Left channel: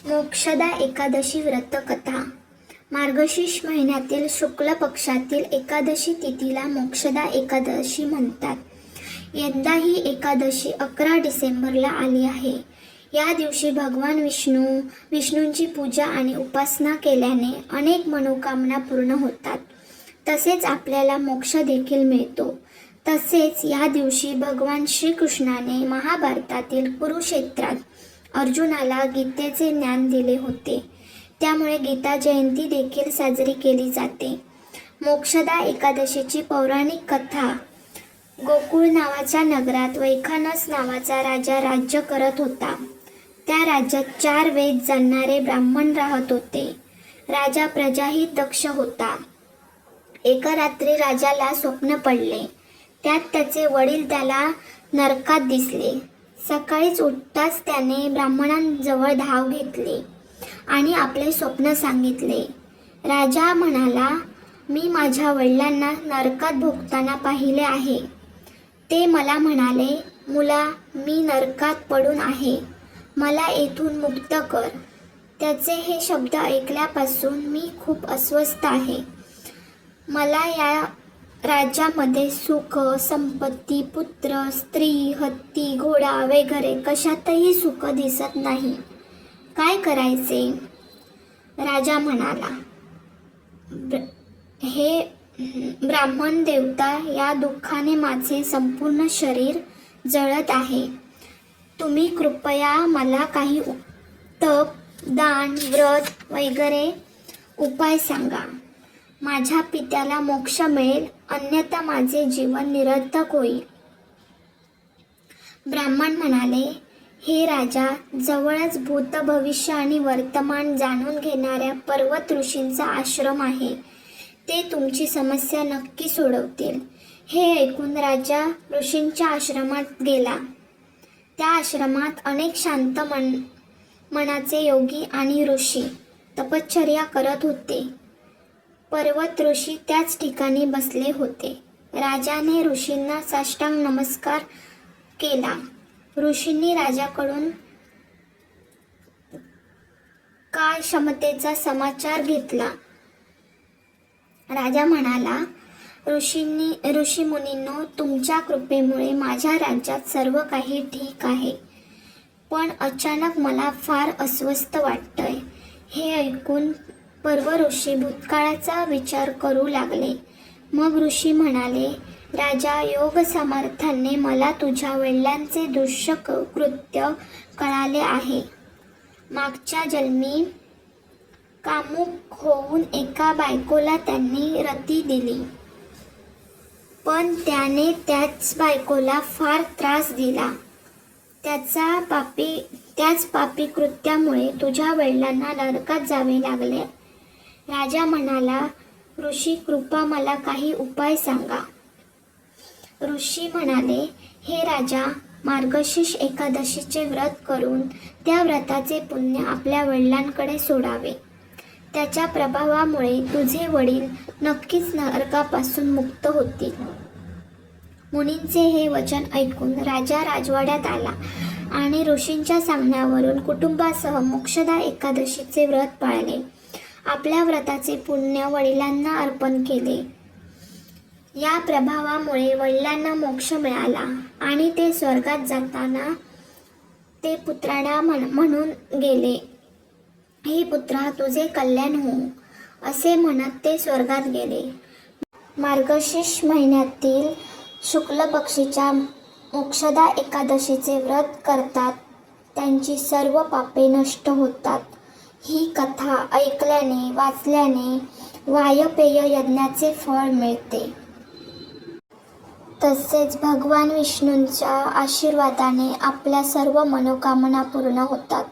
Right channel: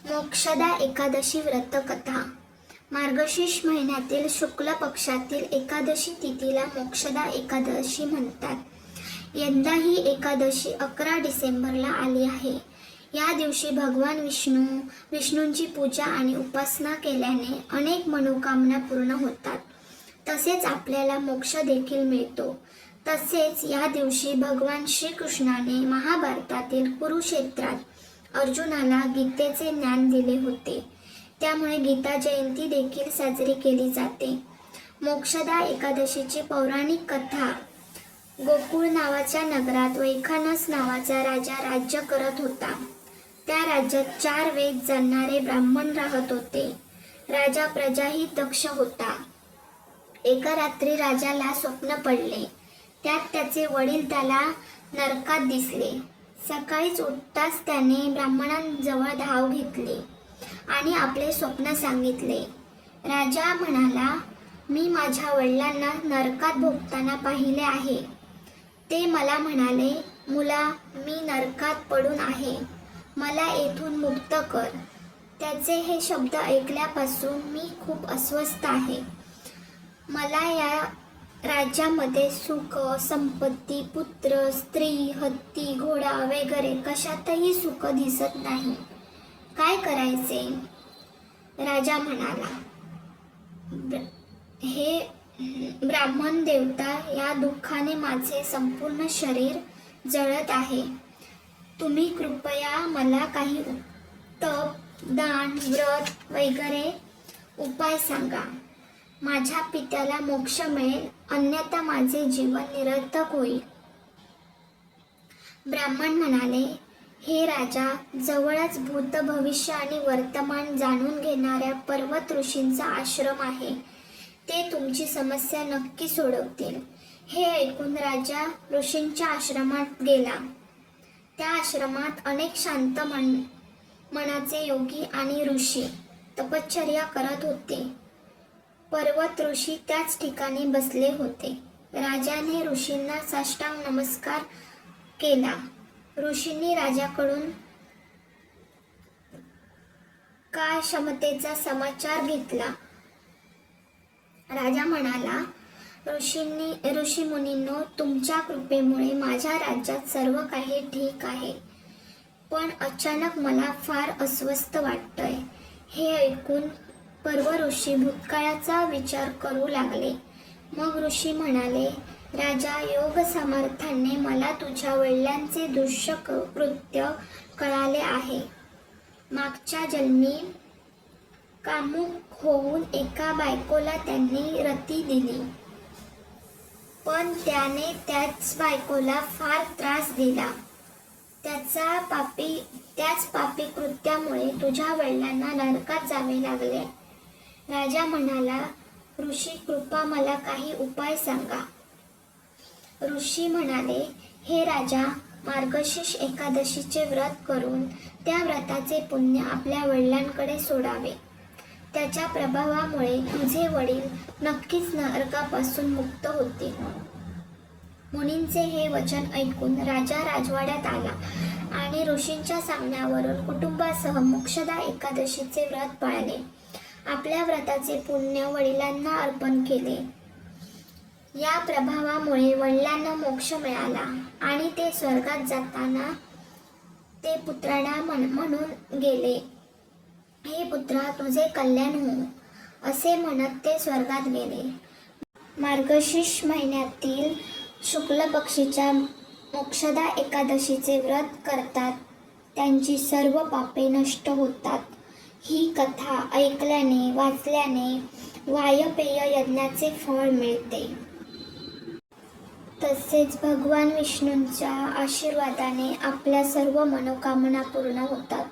मोक्षदा एकादशी व्रतकथा. मार्गशीर्ष महिन्यातील शुक्ल पक्षातील एकादशी तिथीला मोक्षदा एकादशी म्हणतात. यंदा ही एकादशी 11 डिसेंबरला आली आहे. या दिवशी भगवान विष्णूंची पूजा आणि उपासना केल्याने अनेक मनोकामना पूर्ण होतात. तसेच आपल्याला मोक्ष देखील मिळतो. तसेच या दिवशी भगवान श्रीकृष्णाने महाभारतातील कुरुक्षेत्रात अर्जुनाला गीतेचे ज्ञान दिले होते. त्यामुळे गीता जयंती देखील साजरी केली जाते. मोक्षदा एकादशीची पौराणिक कथा. गोकुळ नावाच्या नगरात वैखानस नावाचा राजा राज्य करत होता. त्या राज्यात 4 वेद जाणणारे ब्राह्मण राहत होते. राजा प्रजाही दक्ष होता. एका रात्री राजाला स्वप्न पडले. त्यात त्याचे वडील त्याला नरकात दिसले. सकाळीच उठताच त्याने ब्राह्मणांजवळ धाव घेतली आणि आपले स्वप्न सांगितले. राजा म्हणाला, मी माझ्या वडिलांना नरकात भोगताना पाहिले आहे. ते मला म्हणाले, मुला, मी नरकात पडून आहे, मला येथून मुक्त कर. त्याचे हे शब्द ऐकल्यापासून मी खूप अस्वस्थ आहे. मला या राज्यामध्ये सुख, संपत्ती, पुत्र, स्त्री, हत्ती, घोडा वगैरे कशातही सुख दिसत नाही. काय करायचे? राजा म्हणाला, हे ब्राह्मण देवता, या दुःखाने माझे संपूर्ण शरीर जळत आहे. तुम्ही कृपया मला काही तप, दान, व्रत वगैरे उपाय सांगा. माझ्या पित्याला मोक्ष मिळेल, अन्यथा माझे जीवन निरर्थक होईल. ब्राह्मण म्हणाले, हे राजा, जवळच भूत, भविष्य आणि वर्तमान जाणून घेणाऱ्या पर्वत ऋषींचा आश्रम आहे. ते तुमची समस्या नक्की सोडवतील. हे ऐकून राजा ऋषींच्या आश्रमात गेला. त्या आश्रमात अनेक शांत मनाचे योगी आणि ऋषी तपश्चर्या करत होते. पर्वत ऋषी त्याच ठिकाणी बसले होते. राजाने ऋषींना साष्टांग नमस्कार केला. ऋषींनी राजाकडून काय क्षमतेचा समाचार घेतला. राजा म्हणाला, ऋषी मुनींनो, तुमच्या कृपेमुळे माझ्या राज्यात सर्व काही ठीक आहे, पण अचानक मला फार अस्वस्थ वाटतंय. हे ऐकून पर्व ऋषी भूतकाळाचा विचार करू लागले. मग ऋषी म्हणाले, राजा, योग सामर्थ्याने मला तुझ्या वडिलांचे दुष्य कृत्य कळाले आहे. मागच्या जन्मी कामुक होऊन एका बायकोला त्यांनी रती दिली, पण त्याने त्याच बायकोला फार त्रास दिला. त्याच पापी कृत्यामुळे तुझ्या वडिलांना नरकात जावे लागले. राजा म्हणाला, ऋषी, कृपा मला काही उपाय सांगा. ऋषी म्हणाले, हे राजा, मार्गशीर्ष एकादशीचे व्रत करून त्या व्रताचे पुण्य आपल्या वडिलांकडे सोडावे. त्याच्या प्रभावामुळे तुझे वडील नक्कीच नरकापासून मुक्त होतील. मुनींचे हे वचन ऐकून राजा राजवाड्यात आला आणि ऋषींच्या सांगण्यावरून कुटुंबासह मोक्षदा एकादशीचे व्रत पाळले. आपल्या व्रताचे पुण्य वडिलांना अर्पण केले. या प्रभावामुळे वडिलांना मोक्ष मिळाला आणि ते स्वर्गात जाताना ते पुत्राला म्हणून गेले, हे पुत्रा, तुझे कल्याण हो, असे म्हणत ते स्वर्गात गेले. मार्गशीर्ष महिन्यातील शुक्ल पक्षीच्या मोक्षदा एकादशीचे व्रत करतात त्यांची सर्व पापे नष्ट होतात. ही कथा ऐकल्याने, वाचल्याने वायपेय यज्ञाचे फळ मिळते. तसेच भगवान विष्णूंच्या आशीर्वादाने आपल्या सर्व मनोकामना पूर्ण होतात.